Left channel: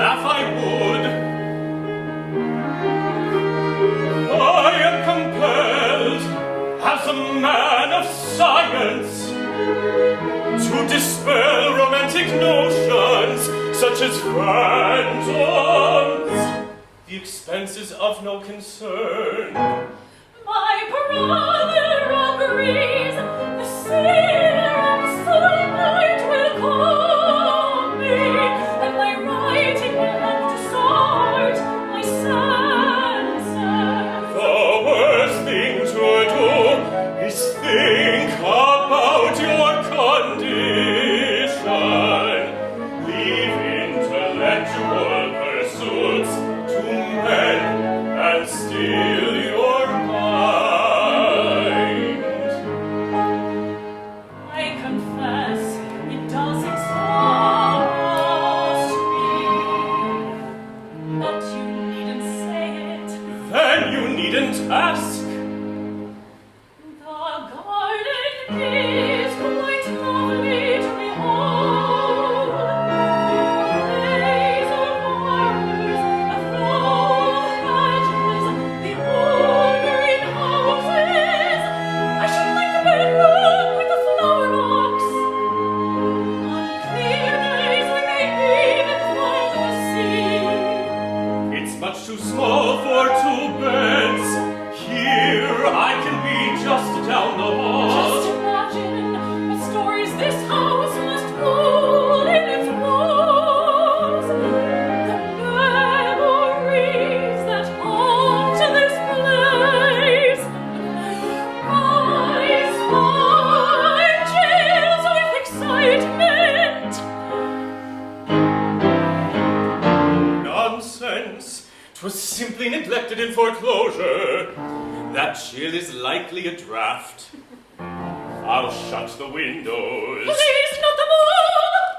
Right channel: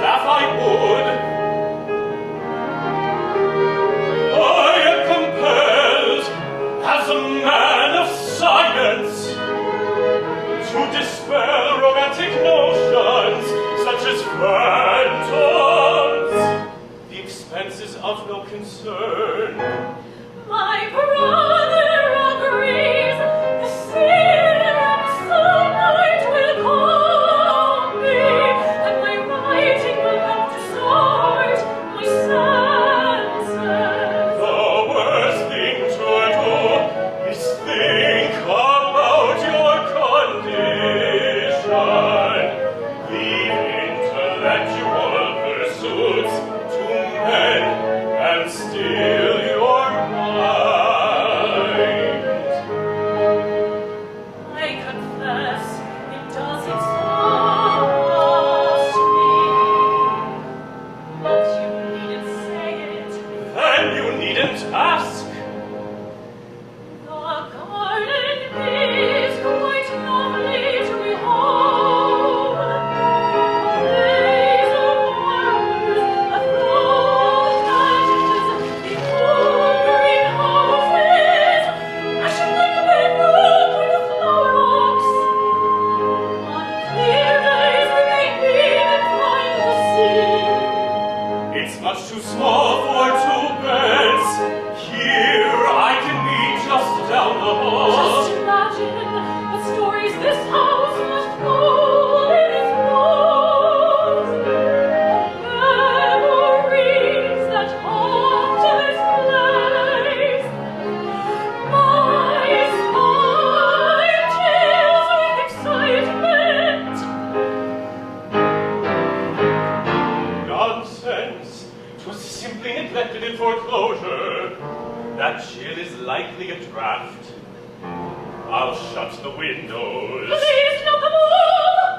staff I would. I am compelled, as a man of science, to dispel romantic notions such as phantoms. The expense is of no concern. My brother agrees. The sinner of sunlight will call me, and my writing will help to sort my senses. The worst thing to do is think about your condition. Leave intellectual pursuits to men and still your mind. I confess it does exhaust me, but you needn't say it. Then you needn't ask. The garden is quite lovely to behold. A maze of flowers, a flow of hedges, the old greenhouses. I should like a bedroom with a flower box. On clear days we may even find the sea. It's much too small for 2 beds. Here I can be just down the hall. Just imagine what stories this house must hold in its rooms. The memories that haunt this place. My spine chills with excitement. Nonsense. 'Twas simply neglected in foreclosure. That chill is likely a draft. I'll shut the windows. Please, not the moon!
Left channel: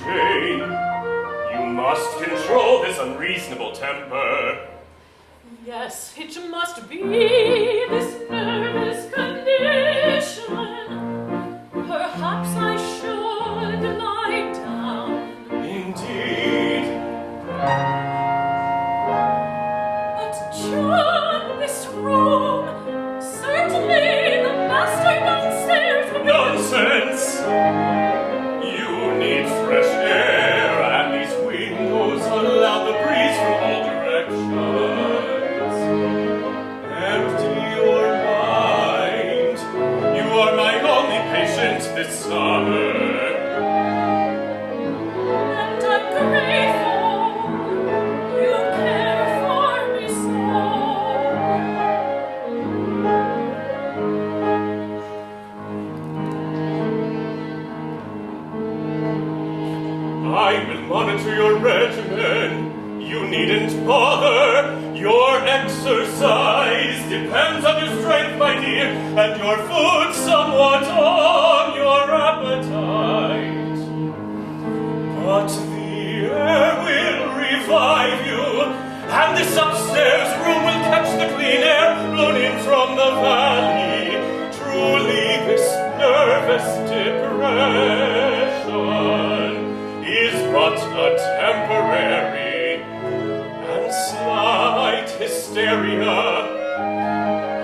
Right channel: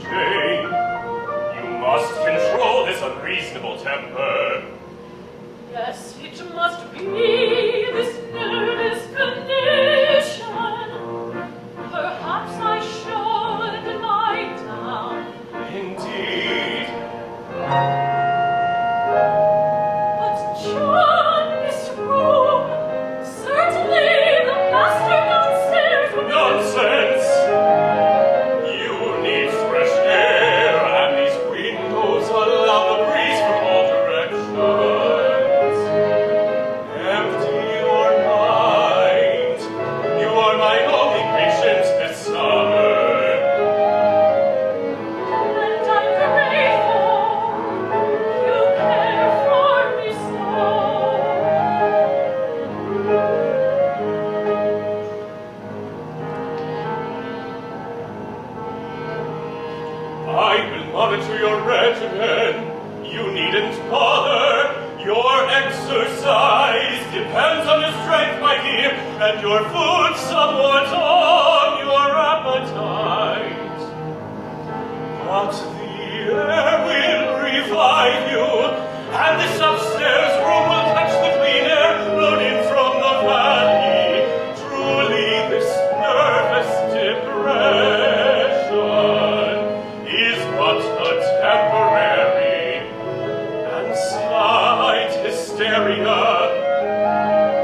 Jane, you must control this unreasonable temper. Yes, it must be this nervous condition. Perhaps I should lie down. Indeed. But John, this room, certainly the master downstairs will be. Nonsense! You need fresh air, and these windows allow the breeze from all directions. Empty your mind. You are my only patient this summer. And I'm grateful you care for me so. I will monitor your regimen. You needn't bother. Your exercise depends on your strength, my dear, and your food somewhat on your appetite. But the air will revive you, and this upstairs room will catch the clean air blown in from the valley. Truly, this nervous depression is but a temporary and slight hysteria.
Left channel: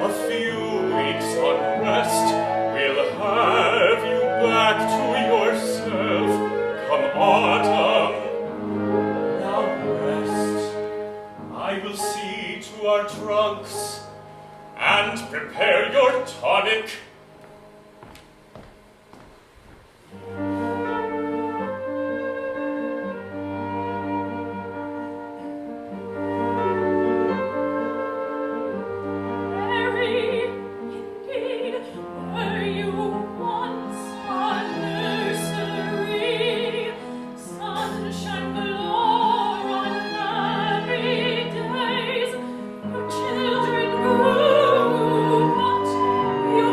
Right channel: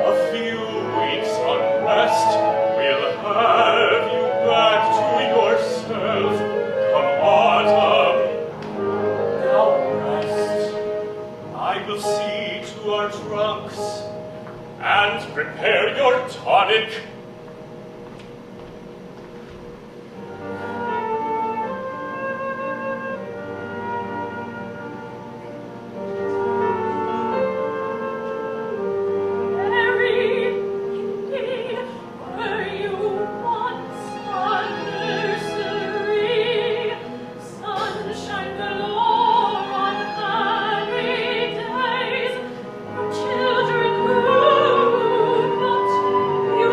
A few weeks unrest will have you back to yourself come autumn. Now rest. I will see to our trunks and prepare your tonic. Mary, indeed, were you once a nursery, sunshine galore on happy days, your children grew, but you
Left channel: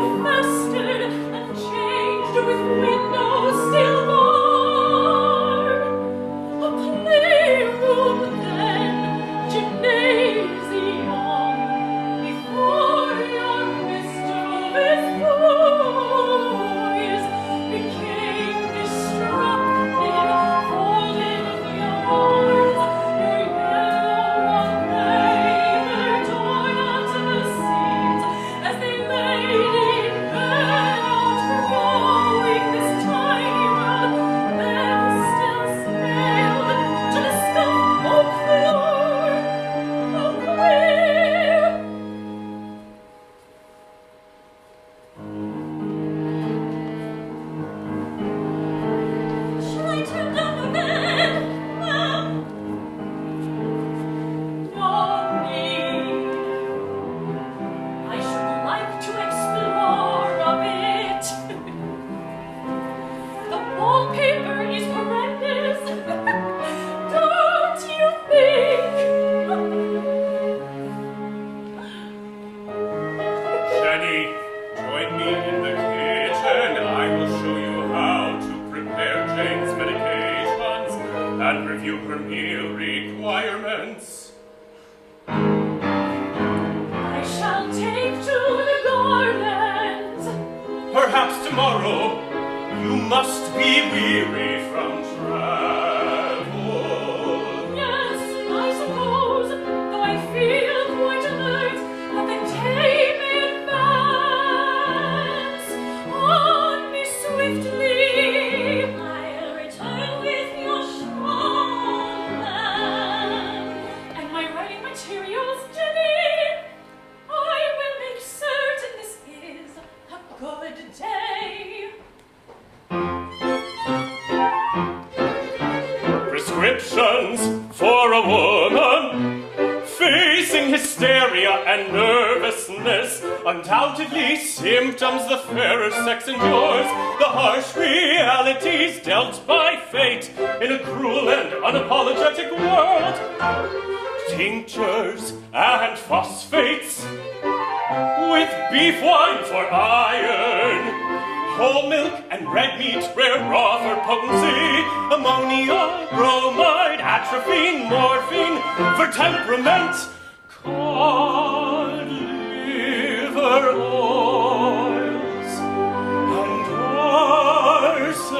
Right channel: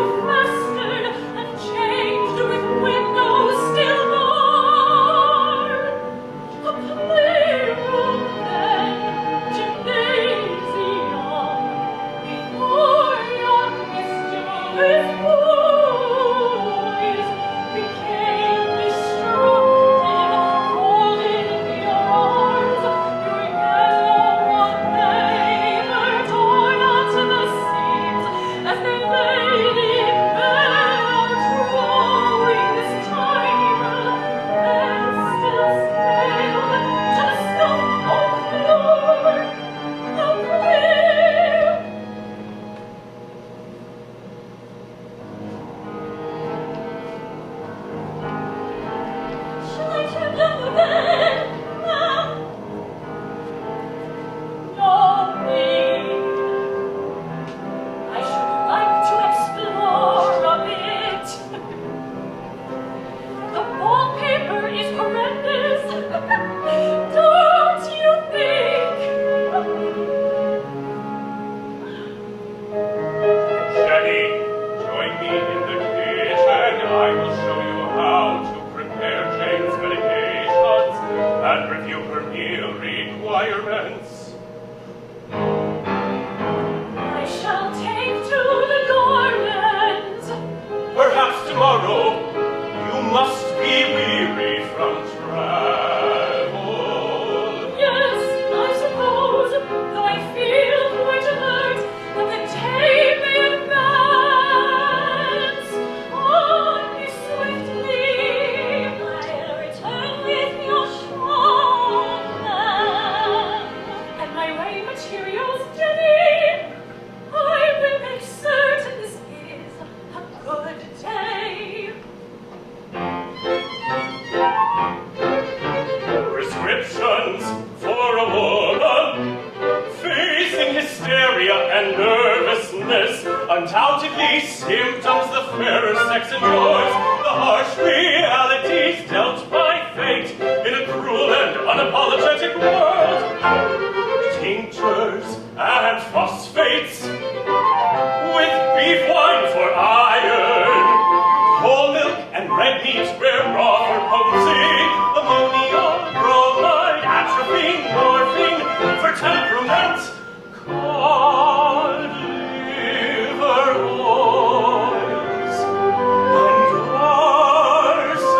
Undoubtedly, symptoms the fairer sex endures, the harsh realities dealt by fate in a cruel and unapologetic world. Tinctures and phosphates, with beef wine for iron, whole milk and red meat, rare raw for potency, ammonia, bromide, atropine, morphine for temperament, cod liver oils, and arsenic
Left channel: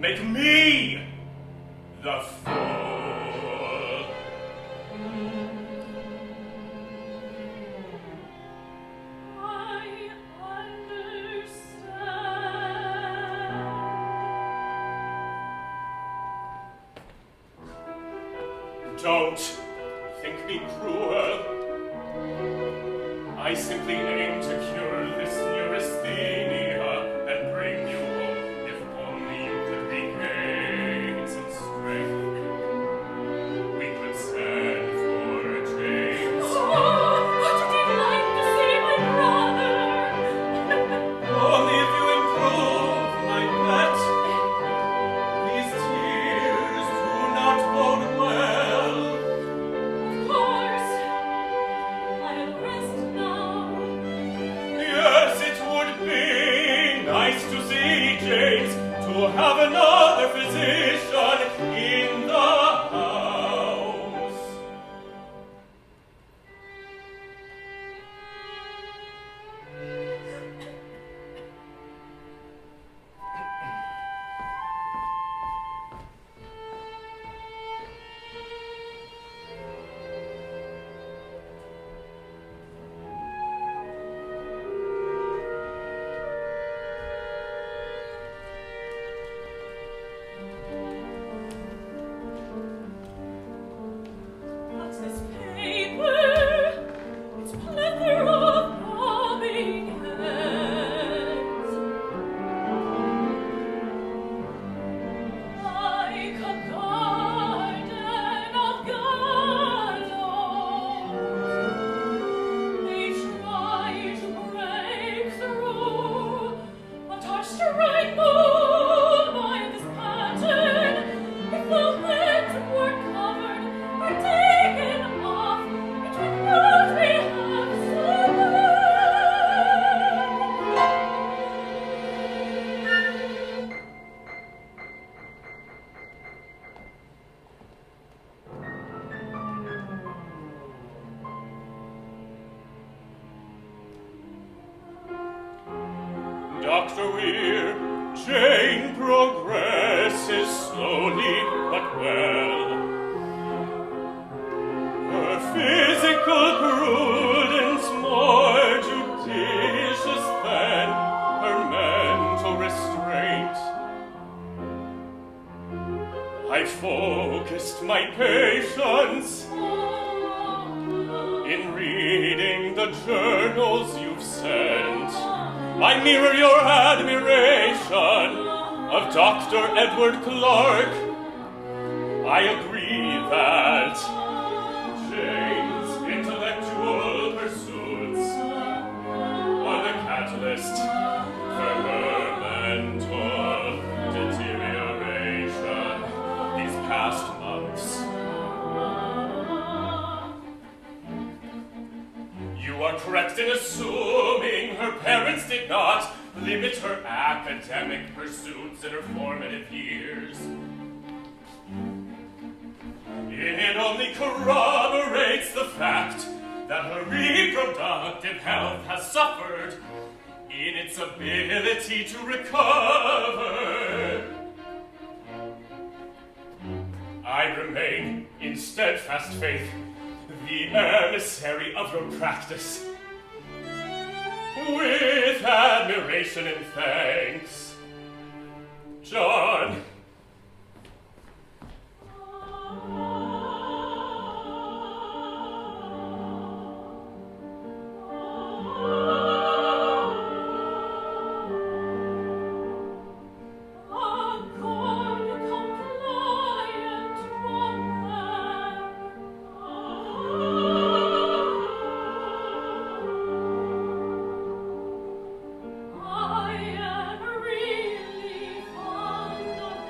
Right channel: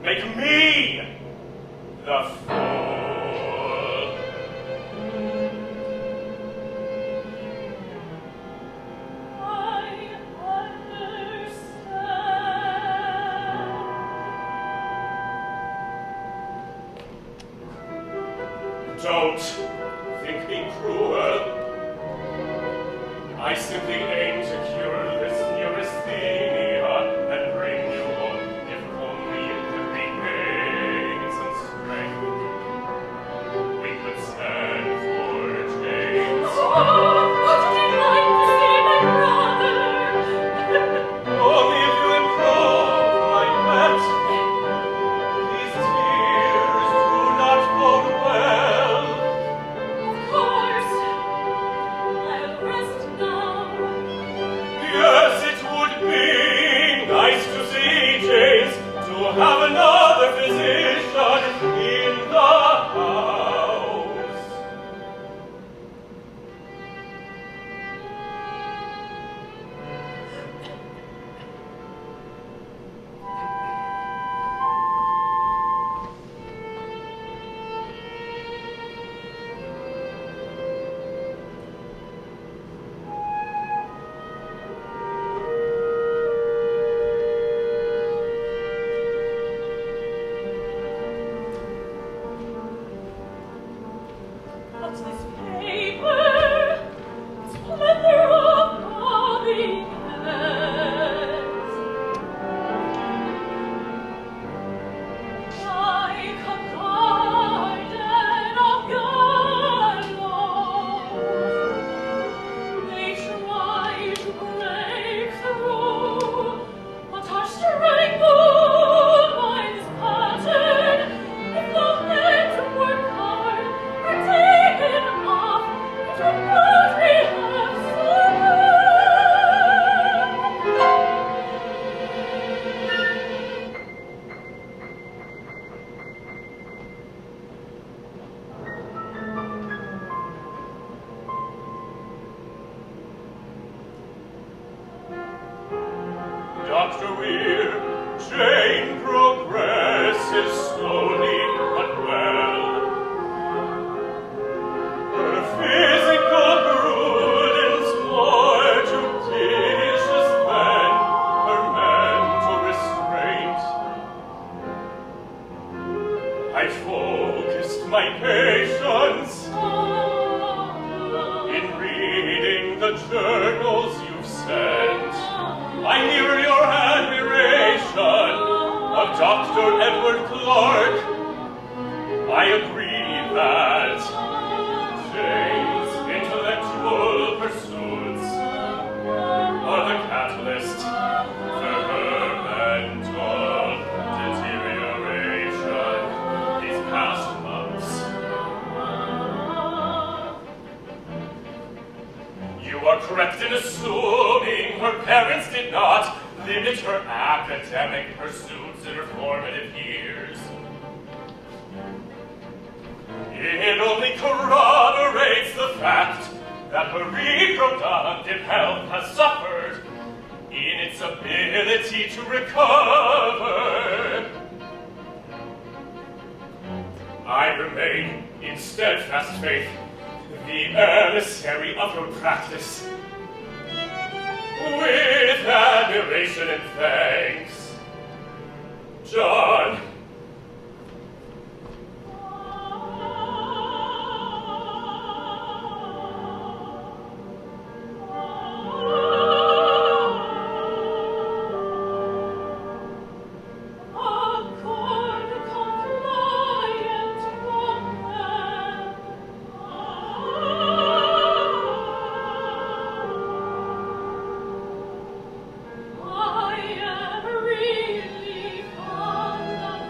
Make me The fool. I understand. Don't think me cruel. I simply aim to cure this neurasthenia and bring you home if only you could regain some strength. We could stand for a change. Oh, what did you like to see my brother? Only if you improve my pet. These tears do not bode well. Of course, I'll rest now. Yes, it would be nice to see James, to have another physician in the house. What's this paper? It's leather of calling hands. Like a garden of gallows, they try to break through, but are strangled by this pattern. If the legs were covered or taken off, it would not be half so Dr. Weir, Jane progresses slowly but well. Her physical prudence more judicious than her mental restraint. I focused my patience in reading the journals you've sent. I mirror your admiration of Dr. Edward Clark. I agree that Jane's intellectual pursuits are the catalyst for her mental deterioration these past months. You are correct in assuming her parents did not limit her academic pursuits in her formative years. It only corroborates the fact that her reproductive health has suffered in its ability to recover. I remain in steadfast faith the emissary of her practice. With admiration and thanks, John. I am really fond of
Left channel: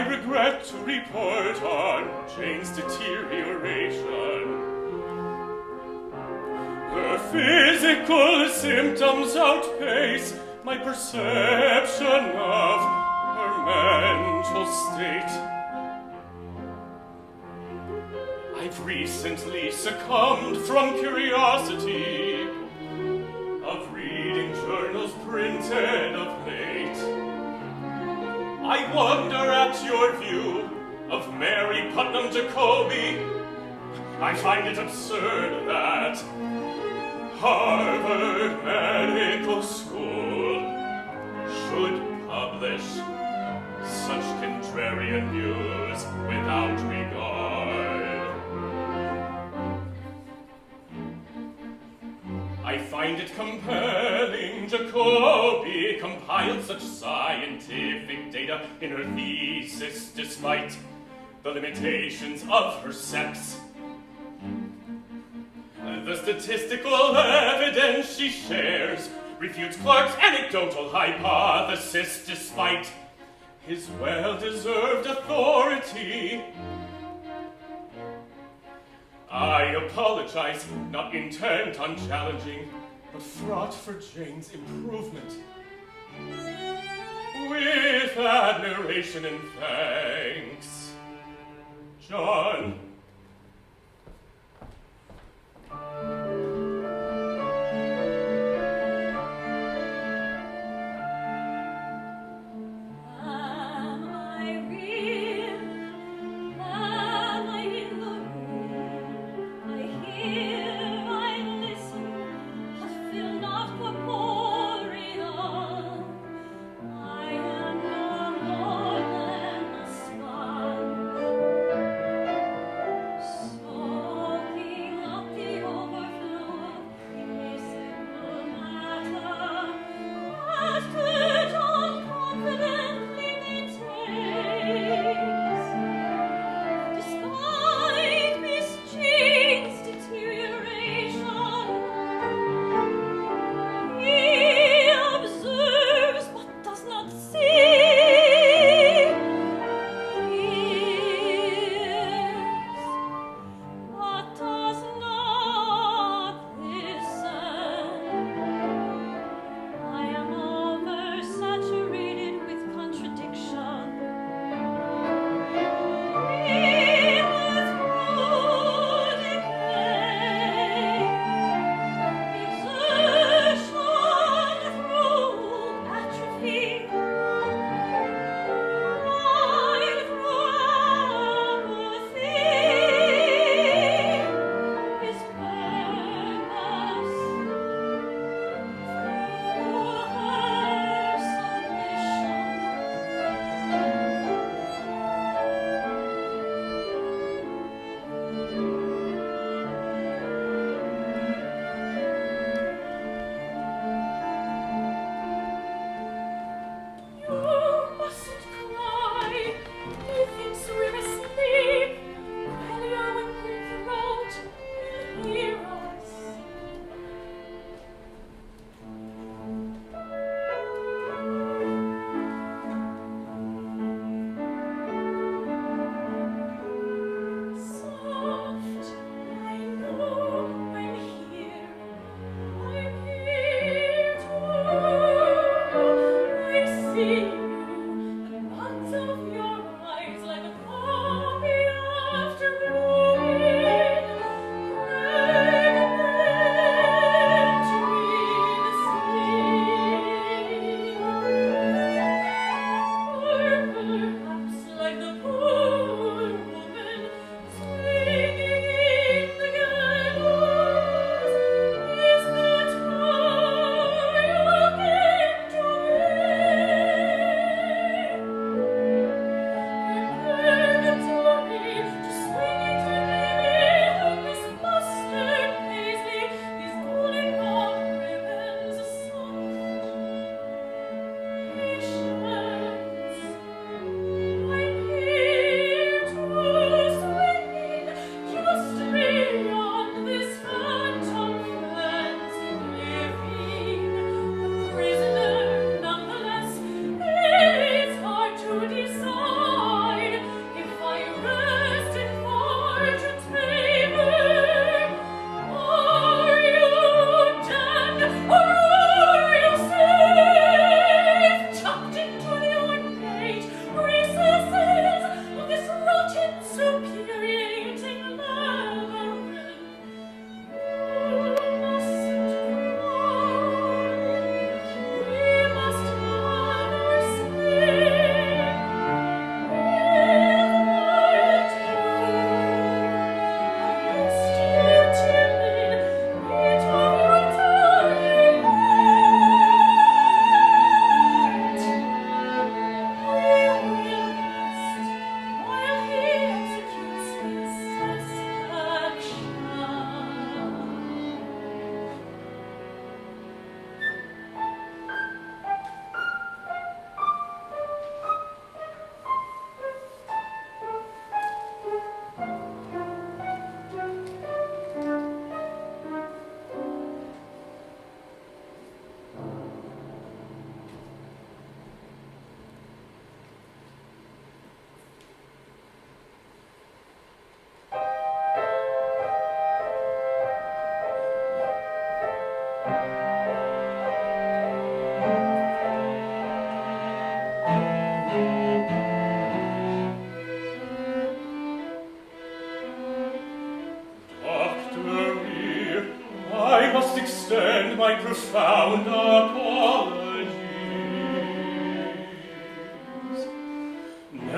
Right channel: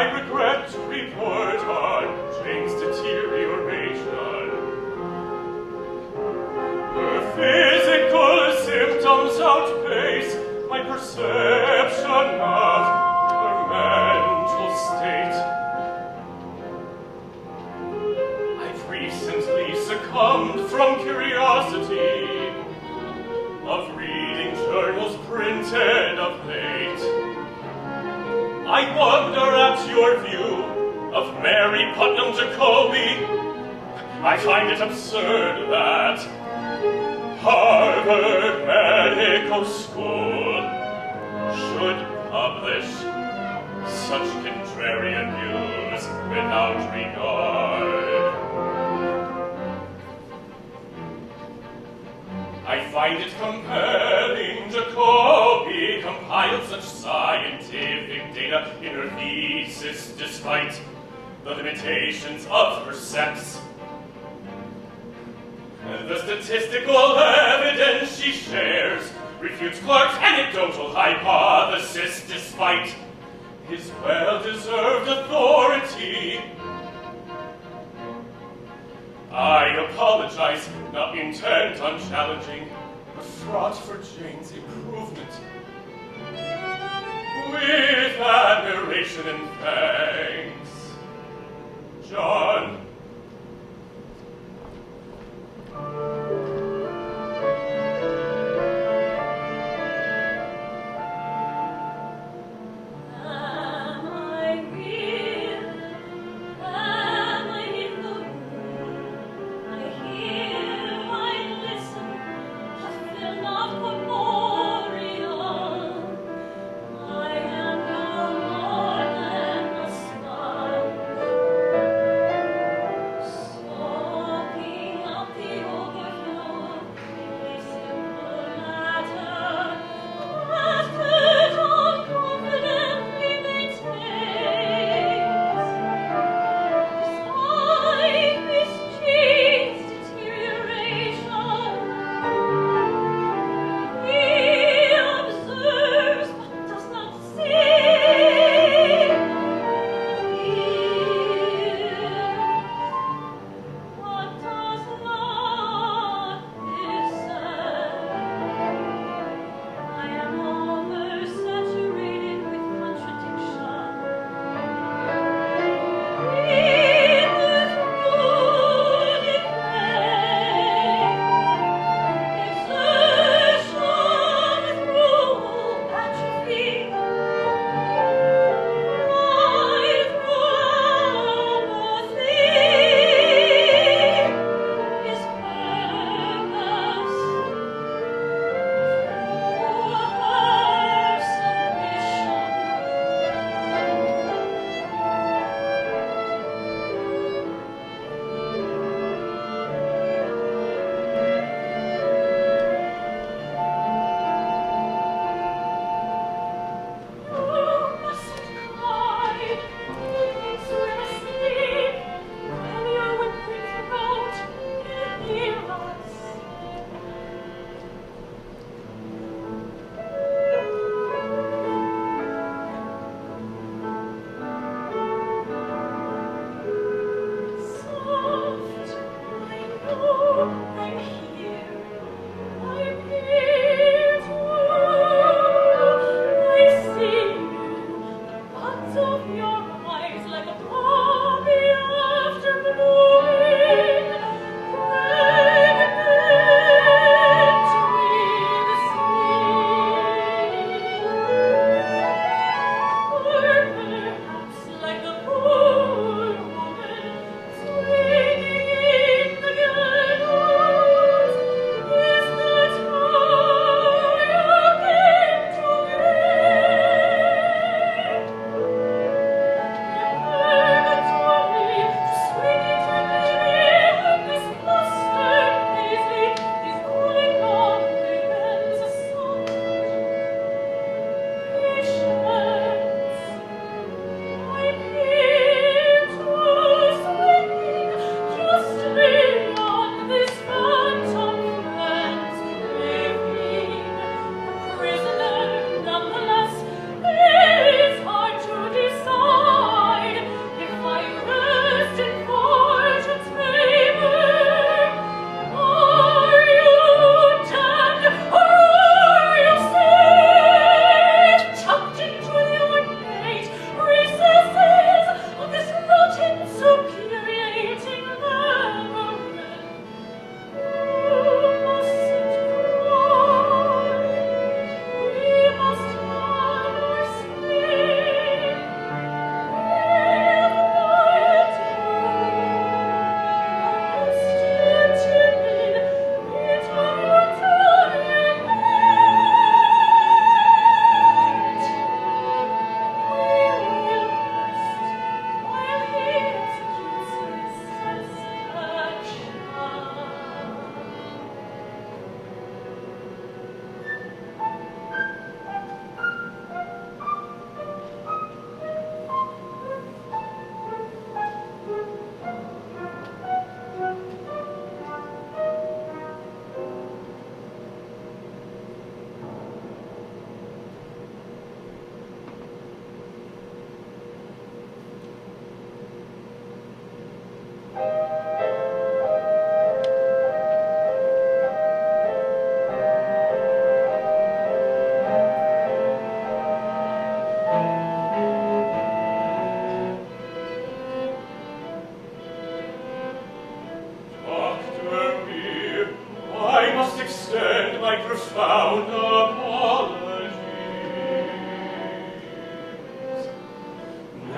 I regret to report on Jane's deterioration. Her physical symptoms outpace my perception of her mental state. I've recently succumbed from curiosity of reading journals printed of late. I wonder at your view of Mary Putnam Jacobi. I find it absurd that Harvard Medical School should publish such contrarian views without regard. I find it compelling Jacobi compiled such scientific data in her thesis despite the limitations of her sex. The statistical evidence she shares refutes Clark's anecdotal hypothesis despite his well-deserved authority. I apologize, not intent on challenging, but fraught for Jane's improvement. With admiration and thanks, John.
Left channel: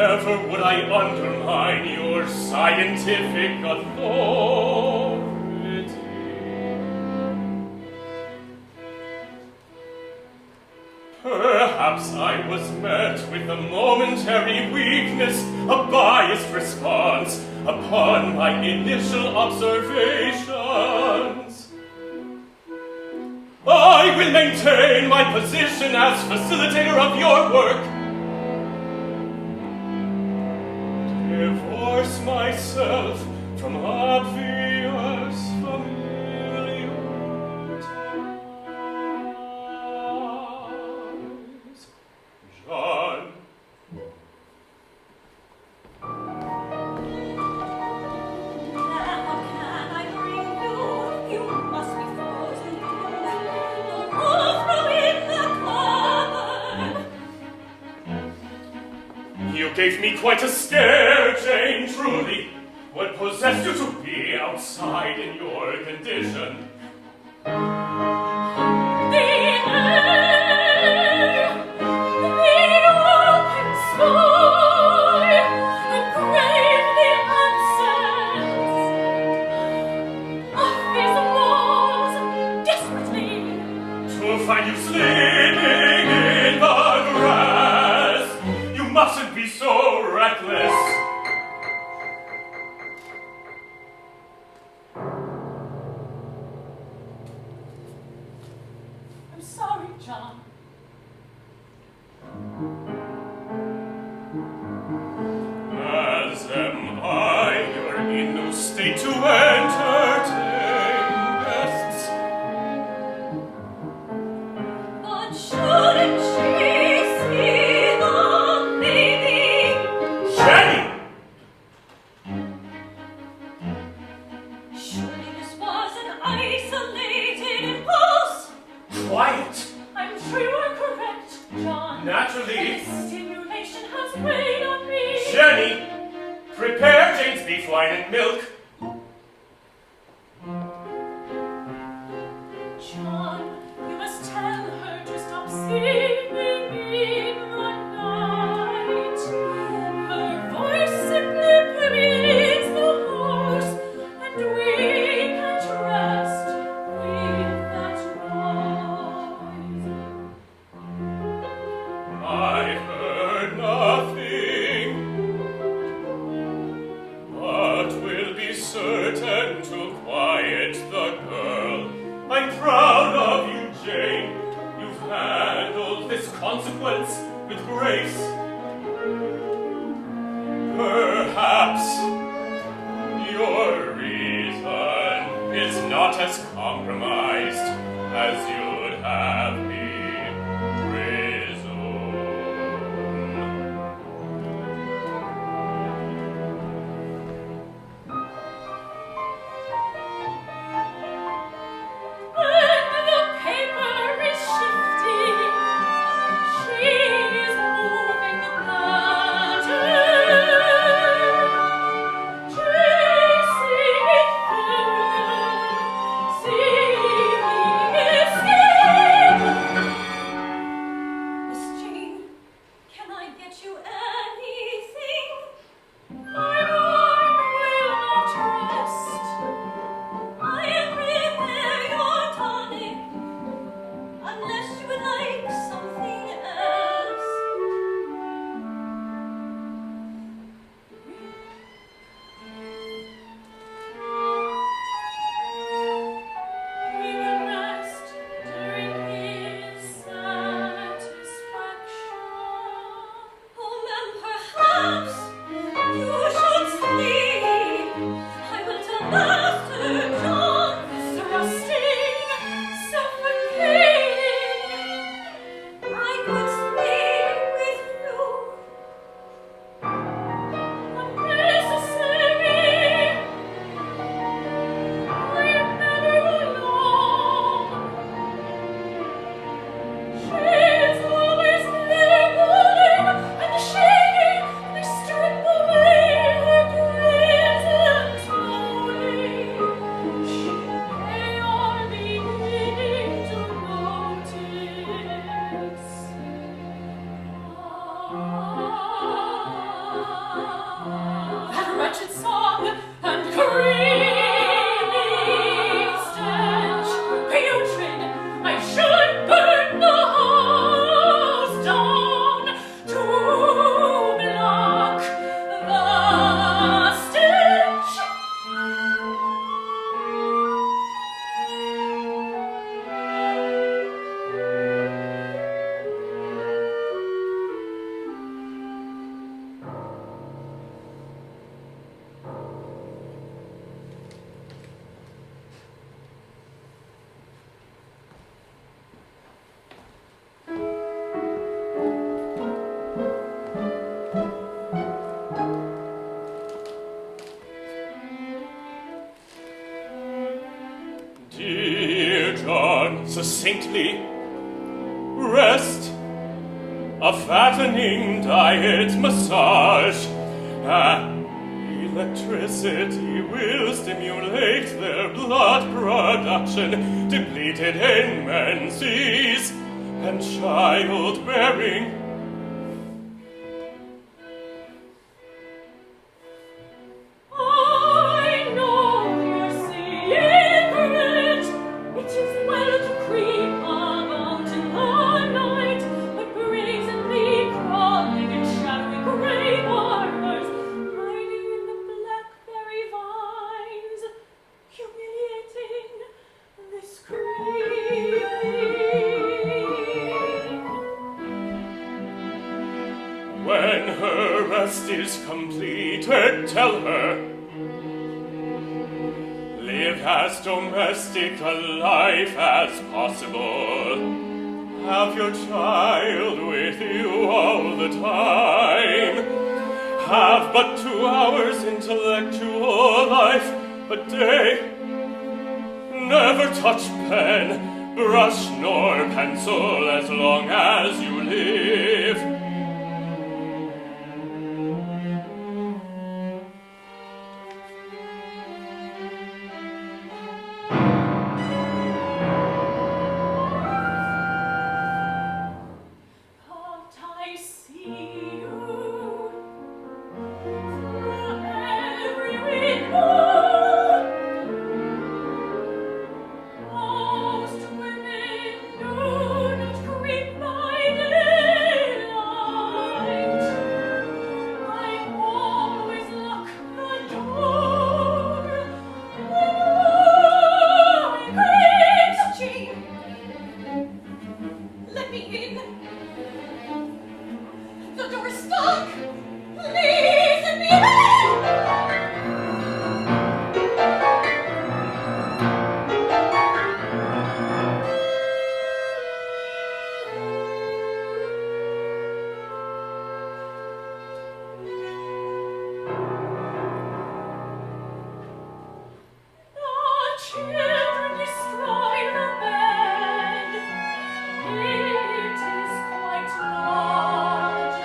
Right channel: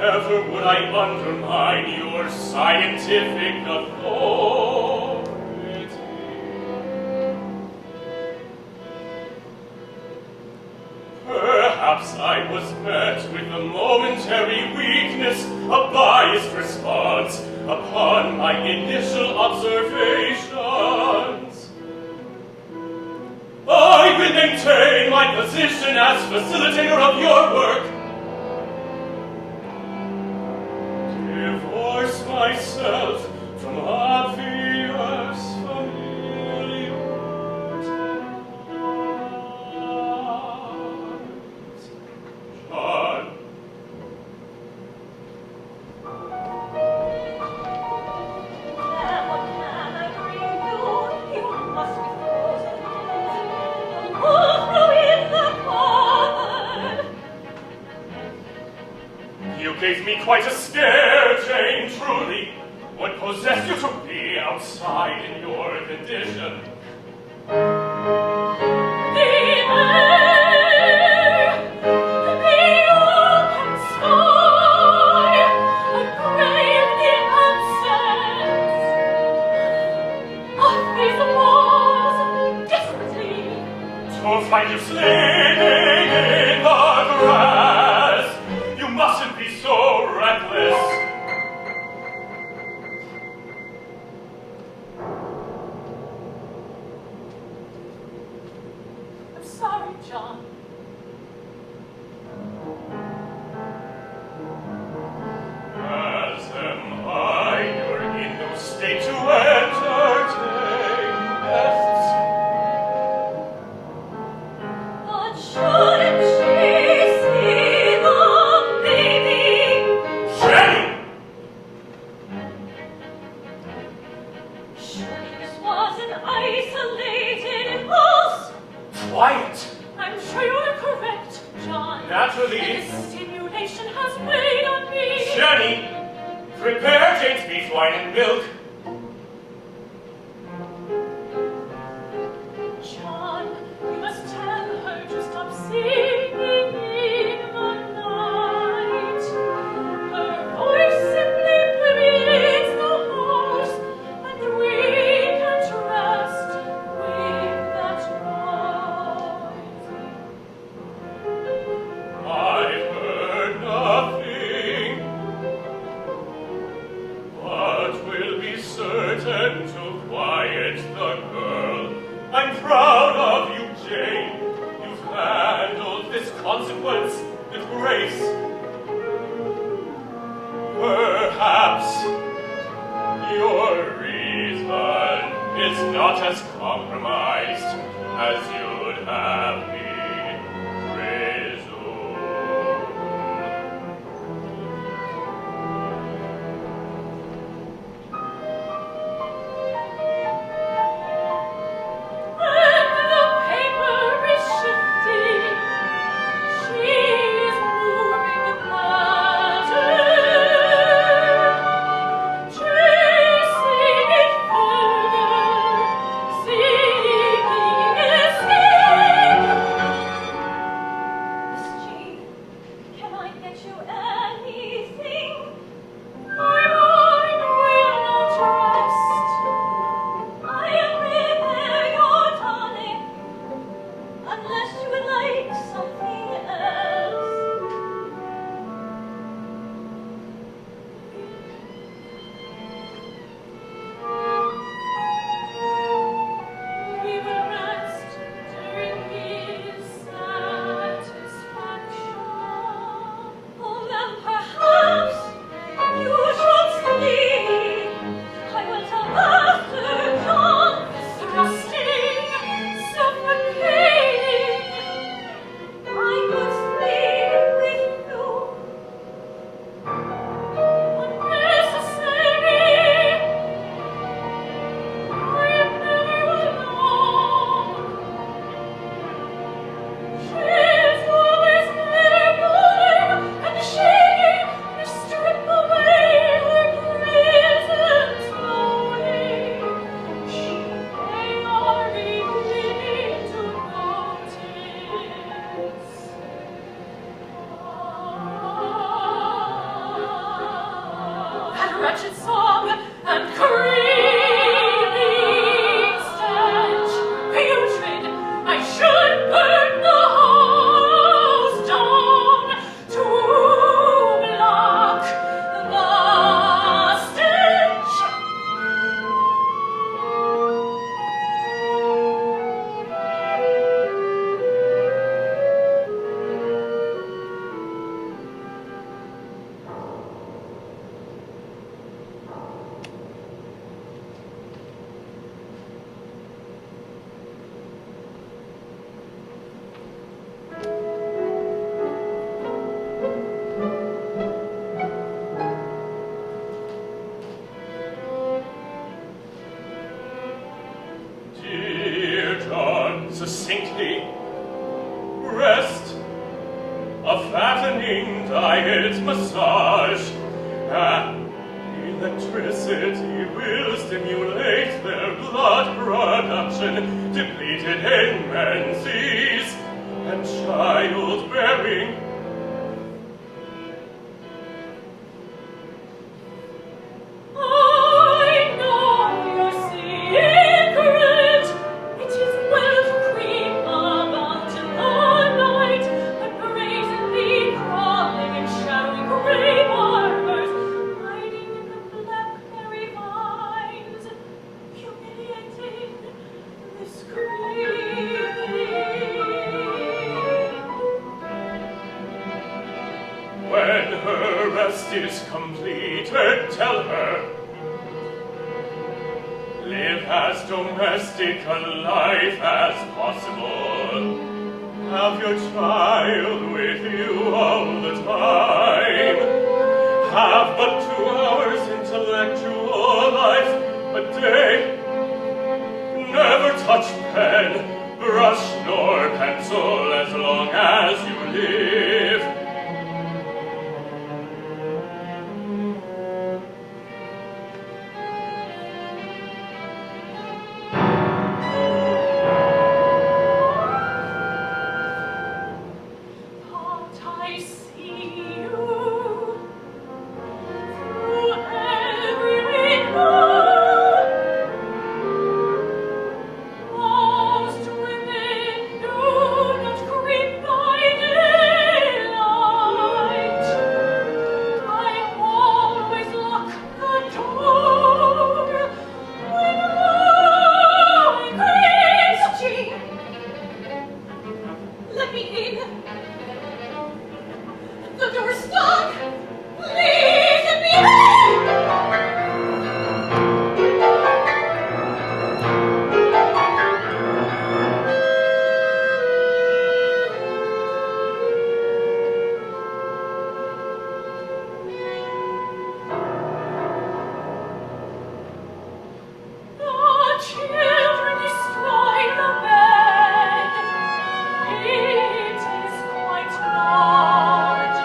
Never would I undermine your scientific authority. Perhaps I was met with a momentary weakness, a biased response upon my initial observations. I will maintain my position as facilitator of your work. Divorce myself from obvious familiarities. John. You gave me quite a scare, Jane, truly. What possessed you to be outside in your condition? The air, the open sky, and crave the absence of these walls desperately. To find you sleeping in the grass. You mustn't be so reckless. I'm sorry, John. As am I, you're in no state to entertain guests. But shouldn't she see the baby? Jenny! Surely this was an isolated impulse. Quiet! I'm sure you are correct, John. Naturally. This stimulation has weighed on me. Jenny! Prepare Jane's beef wine and milk. John, you must tell her to stop singing in the night. Her voice simply pleases the horse, and we can trust with that noise. I've heard nothing, but will be certain to quiet the girl. I'm proud of you, Jane. You've handled this consequence with grace. Perhaps your reason is not as compromised as you'd have me presume. When the paper is shifting, she is moving the pattern. fattening diet massage. Electricity will stimulate their blood production, depleted in menses, and childbearing. I know your secret. It is well to creep about in the night, but brazenly crawling in shadowy grey parlours, hiding in the blackberry vines, humiliating, discreet. When her rest is completed, tell her, live as domestic a life as possible. Have your child with you all the time. Have but 2 hours intellectual life a day. Never touch pen, brush, nor pencil as long as you live. But I see you through every window. Most women do not creep by daylight. I always lock the door when I creep. Let me in. The door is stuck. Please let me in. The children destroy the bed. It is quite large.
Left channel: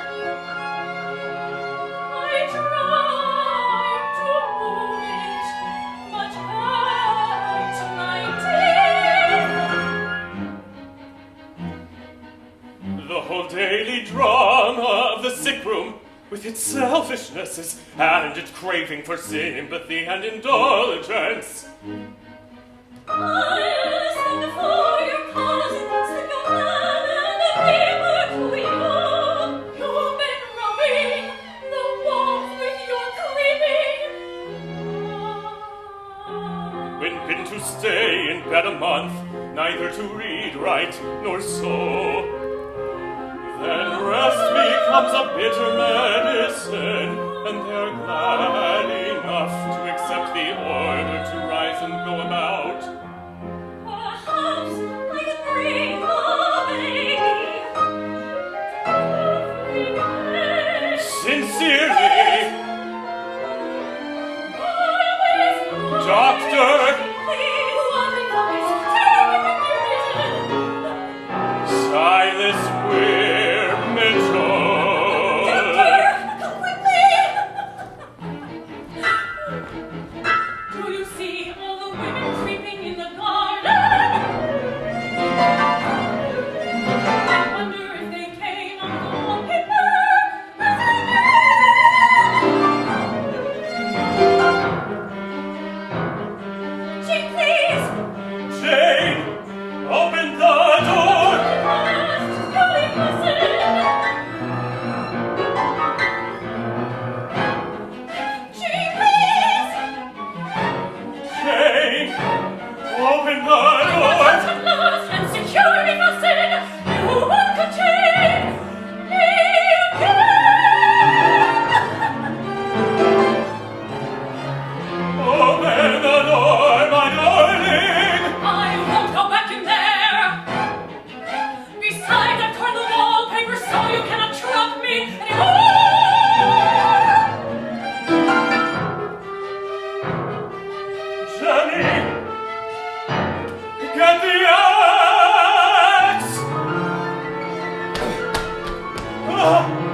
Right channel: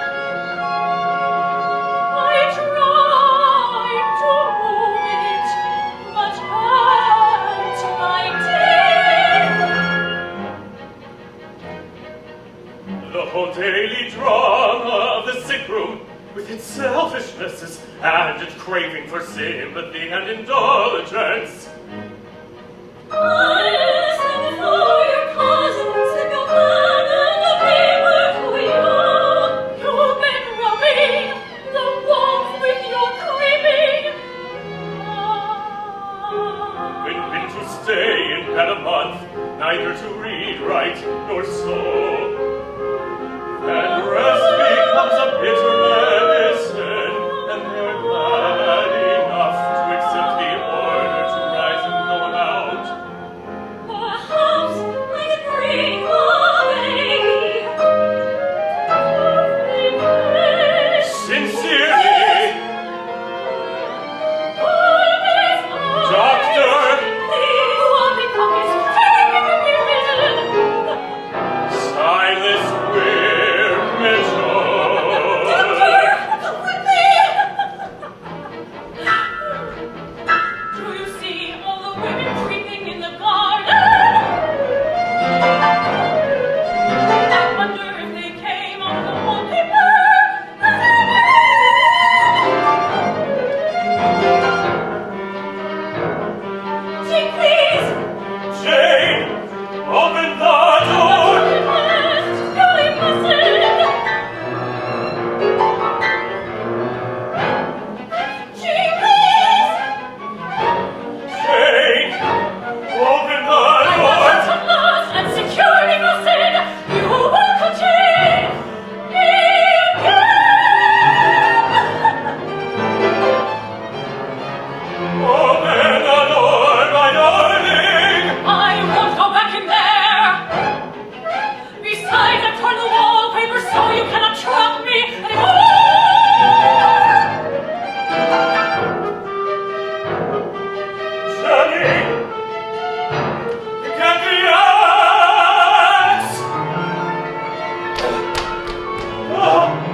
I tried to move it, but hurt my teeth. The whole daily drama of the sick room, with its selfishnesses and its craving for sympathy and indulgence. I listen for your cousins, the man and the paper queen. You've been rubbing the walls with your creeping. Been to stay in bed a month, neither to read, write, nor sew. Then rest becomes a bitter medicine, and they're glad enough to accept the order to Oh,